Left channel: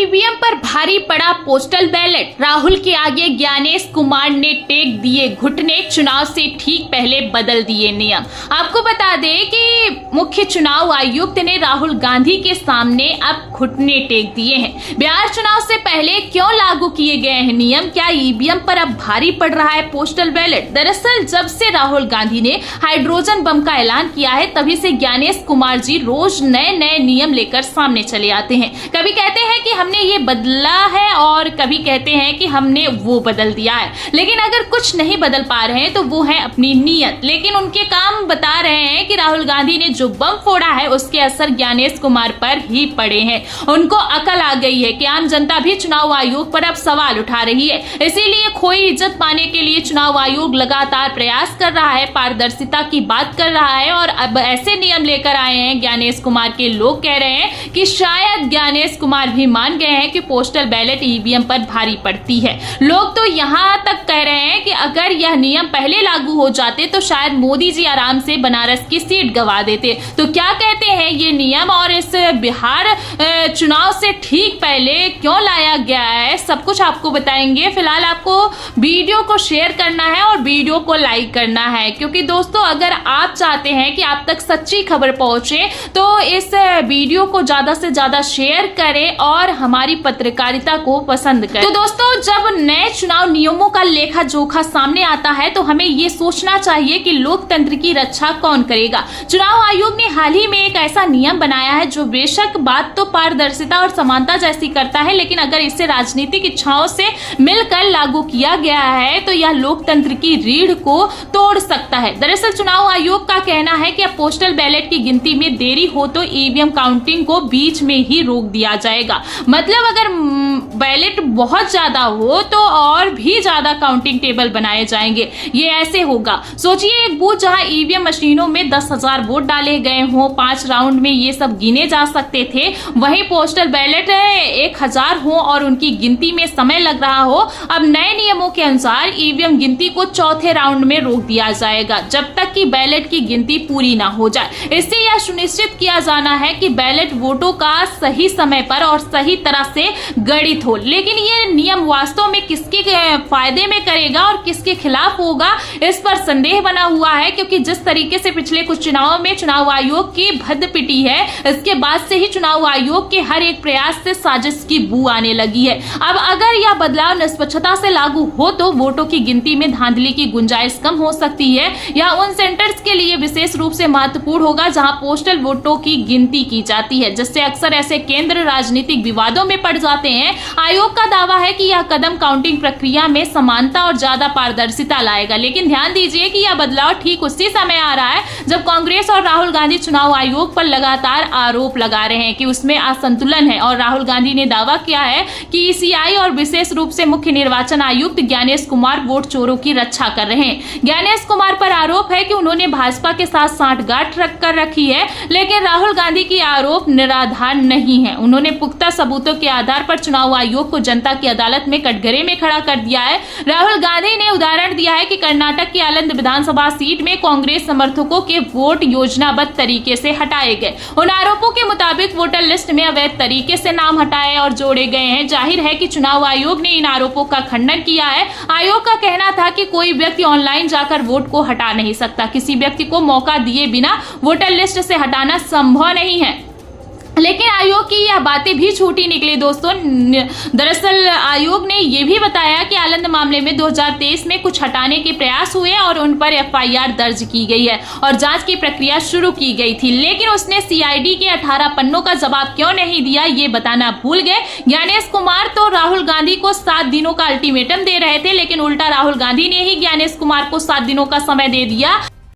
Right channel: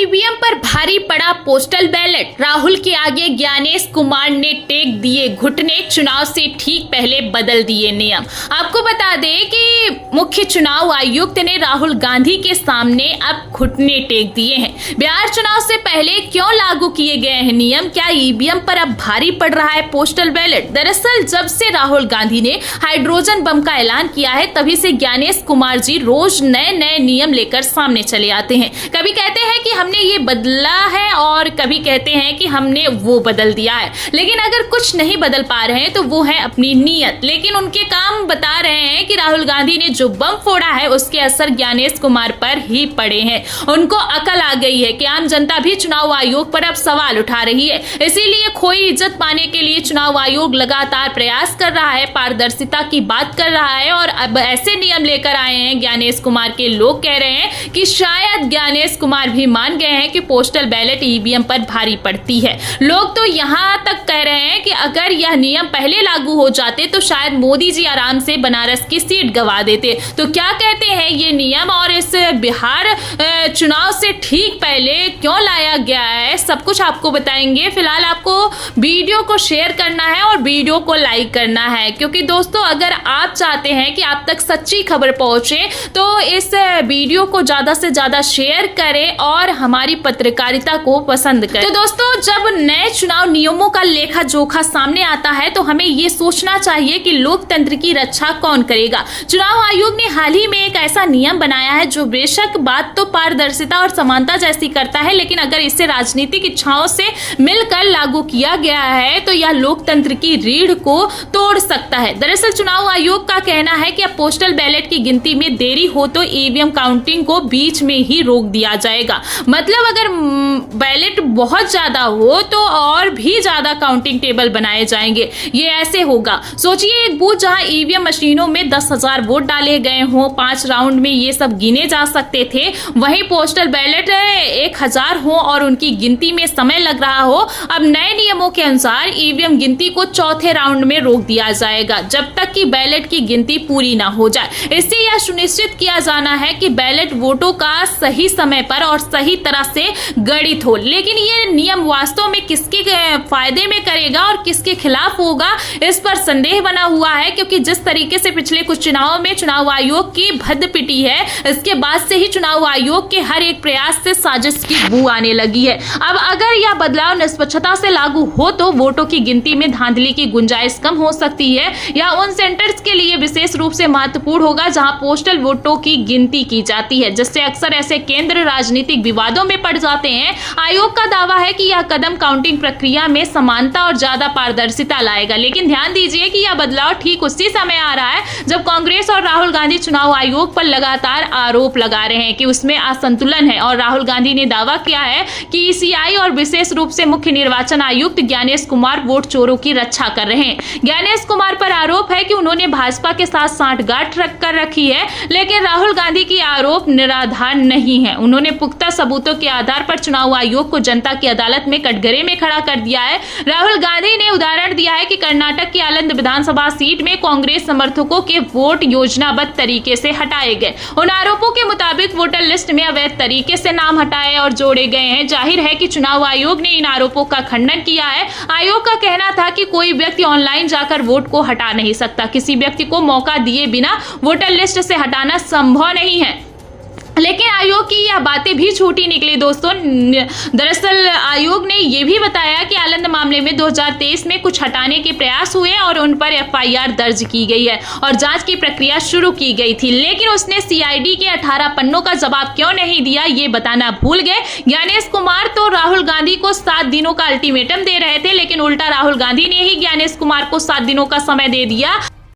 EVM पर भारी पड़ा पोस्टल बैलेट, राहुल के आगे ज्ञानेश कुमार ने टेक दिए घुटने, चुनाव से ठीक पहले बदल दिए नियम। आपको बता दें कि मुख्य चुनाव आयुक्त ने राहुल गांधी के सामने अब घुटने टेक दिए हैं। बिहार चुनाव से पहले क्यों लागू किए गए हैं नियम? क्या ईवीएम पर अब भारी पड़ रहा है पोस्टल बैलेट? दरअसल जब से राहुल गांधी ने हाइड्रोजन बम का ऐलान किया है तभी से ज्ञानेश कुमार जी रोज नए नए नियम लेकर सामने चले आते हैं। कभी कहते हैं कि हमने ये बदला है और कभी कहते हैं कि हमने वो बदल दिया है, लेकिन अगर कुछ नहीं बदल पा रहे हैं तो वो है अपनी नीयत। लेकिन उनके काम बता रहे हैं कि राहुल गांधी ने जो बम फोड़ा है उसके असर ज्ञानेश कुमार पर ही पड़े हैं। उनको अकल आ गई है कि आम जनता भी चुनाव आयोग पर अब सवाल उठा रही है, इसीलिए खोई इज्जत पाने के लिए चुनाव आयोग लगातार प्रयास कर रहा है, पारदर्शिता की बात कर रहा है और अब ऐसे नियम लेकर आए हैं ज्ञानेश कुमार के। लोग कह रहे हैं कि शायद ज्ञानेश कुमार भी मान गए हैं कि पोस्टल बैलेट ईवीएम पर भारी पड़ती है। लोग तो यहाँ तक कह रहे हैं कि अगर यह नियम पहले लागू हो जाते तो शायद मोदी जी आराम से बनारस की सीट गंवा देते। तो क्या कहते हैं ये नियम और इस बिहार चुनाव से ठीक पहले क्यों लाया गया है, सब कुछ आपको बताएंगे। फिलहाल आपको वीडियो को शेयर करना है और वीडियो को लाइक करना है, क्योंकि दोस्तों अगर आप चाहते हैं कि आप तक सच्ची खबर पहुंचे तो इस वीडियो को ज्यादा से ज्यादा शेयर करें और हमारी पत्रकारिता को पसंद करें। तो दोस्तों जब नए चुनाव नियमों का लेखा जोखा सामने आता है तो हमें ये सोचना चाहिए कि लोकतंत्र की रक्षा कौन करेगा। चुनाव आयोग ने हाल ही में एक ऐसा नियम बनाया है जो बेशक बात तो पारदर्शिता और समानता जैसी करता है, लेकिन अगर इसे राजनीतिक इच्छाओं से मिलकर लागू किया गया है तो यह लोकतंत्र की रीढ़ को तोड़ सकता है। दरअसल चुनाव आयोग का कहना है कि अब पोस्टल बैलेट की गिनती में देरी हो तो ईवीएम काउंटिंग को बीच में ही रोक दिया जाएगा। मतलब अगर बैलेट बहुत ज्यादा हो तो और भी ज्यादा काउंटिंग टेबल बनाए जाएंगे। ये ऐसे होगा, सोचिए एक बूथ जहां ईवीएम मशीनों में 10,000 वोट डाले गए हों, 5 राउंड में ये सब गिने जा सकते थे, वहीं पोस्टल बैलेट 1,000 हो और उनकी गिनती में समय लग रहा हो। अब नए नियमों के अनुसार ईवीएम गिनती को चौथे राउंड में रोक दिया जाएगा जब तक कि बैलेट की गिनती पूरी ना हो जाए। इससे यह सुनिश्चित किया जाना है कि बैलेट वोटों का सही समय पर और सही तरह से गणित हो। लेकिन ये नियम वास्तव में किसके फायदे में करेगा और किसके खिलाफ होगा, इस पर संदेह बना हुआ है, क्योंकि जिस तरीके से पिछले कुछ चुनावों में चुनाव आयोग की भद्द पिटी है, इसके बाद से ही चुनाव आयोग के हर एक प्रयास से साजिश की बू आने लगी है। अब अगर यह बदलाव निष्पक्षता से लागू हो तो वोटों की गिनती में धांधली की गुंजाइश कम हो सकती है। यह उन सेंटर्स के लिए विशेष रूप से महत्वपूर्ण होगा जहां पोस्टल वोटों की गिनती की जाती है, जिससे अक्सर ऐसे केंद्र राजनीतिक विवादों में पड़ जाते हैं। आयोग का दावा है कि यह कदम काउंटिंग प्रक्रिया में समानता और ज्यादा पारदर्शिता लाएगा, लेकिन ध्यान दीजिए कि यह बदलाव ठीक उसी समय आ रहा है जब कांग्रेस और राहुल गांधी चुनाव आयोग पर लगातार आरोप लगा रहे हैं कि उसमें असंतुलन है। और राहुल गांधी ने दावा किया है कि ईसीआई और विशेष रूप से मुख्य निर्वाचन आयुक्त ज्ञानेश कुमार वोट चोरों की रक्षा कर रहे हैं। ज्ञानेश कुमार पर आरोप है कि उन्होंने भाजपा के साथ सांठगांठ कर रखी है, लेकिन राहुल गांधी की आरोप निराधार नहीं है। उन्होंने पुख्ता सबूतों के आधार पर चुनाव आयोग को जनता की अदालत में कटघरे में खड़ा कर दिया है। राहुल गांधी ने उदाहरण दिया है कि कर्नाटक की आनंद विधानसभा सीट में कांग्रेस समर्थकों के वोट योजनाबद्ध तरीके से हटाए गए। उन आरोपों के मुताबिक वोटर लिस्ट में अवैध तरीके से नाम हटाए और जोड़े गए हैं। जाहिर है कि चुनाव आयोग ने इन आरोपों का खंडन किया है। आयोग का कहना था कि कोई व्यक्ति ऑनलाइन जाकर वोट को हटा नहीं सकता, किसी व्यक्ति को मौका दिए बिना वोटर लिस्ट से हटाना संभव नहीं है। लेकिन आयोग की यह बातें भी छोटी निकली दोस्तों। दरअसल आयोग ने यह भी बताया कि आनंद मामले में 2023 में कुछ हटाने के प्रयास हुए और उन पर एफआईआर दर्ज की गई है और जांच की प्रक्रिया शुरू की गई थी, लेकिन उसने सीआईडी के 18 पन्नों का जवाब क्यों नहीं दिया ये बताना भूल गए। ज्ञानेश कुमार तो राहुल गांधी को 7 दिनों का अल्टीमेटम दे रहे थे, लेकिन उल्टा राहुल गांधी ने ही ज्ञानेश कुमार को 7 दिनों का समय दे दिया।